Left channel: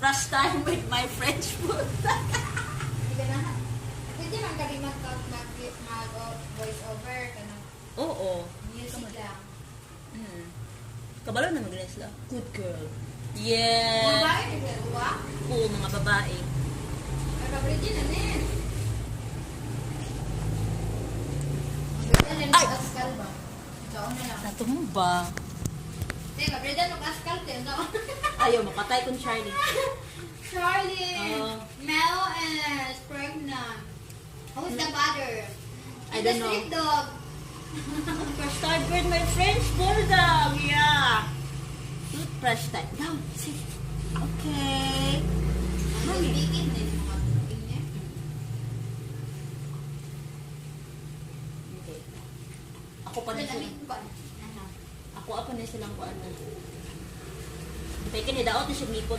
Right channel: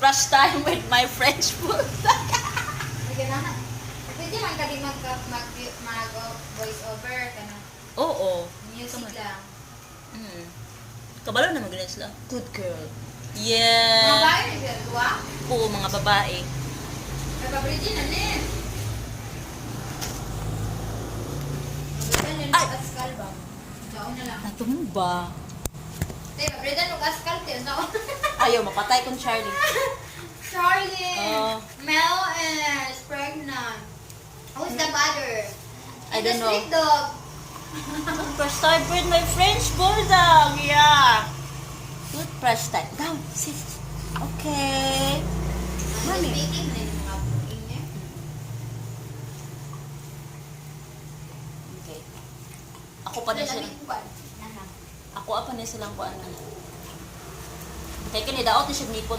Brush time with my French bulldog. Ganahan. Pwede man kami mag-voice over ka na. Oo. Music lang. Kabalo na magaling sila. Good girl. Mga Yeah. bahay na sila, duwa? Oo, mga babae. Nagpabridi na nin. Yan din ang askal ba? Diyan na lang. Natumba. Teka, pabrida nung askal tiyan. Ayaw, mapatay kong Charlie. Charlie! Oh. Mel is pregnant. Who's the mother? I And the don't know. street dog. Toothbrush time with my French bulldog. Yeah. Toothbrush time. Down. Sit. Okay. Mami. Speaking na yung mga booking niya. Okay. Ako pa na silang. Ako pa na silang kuanan. Kaya kini daot na siya nipon.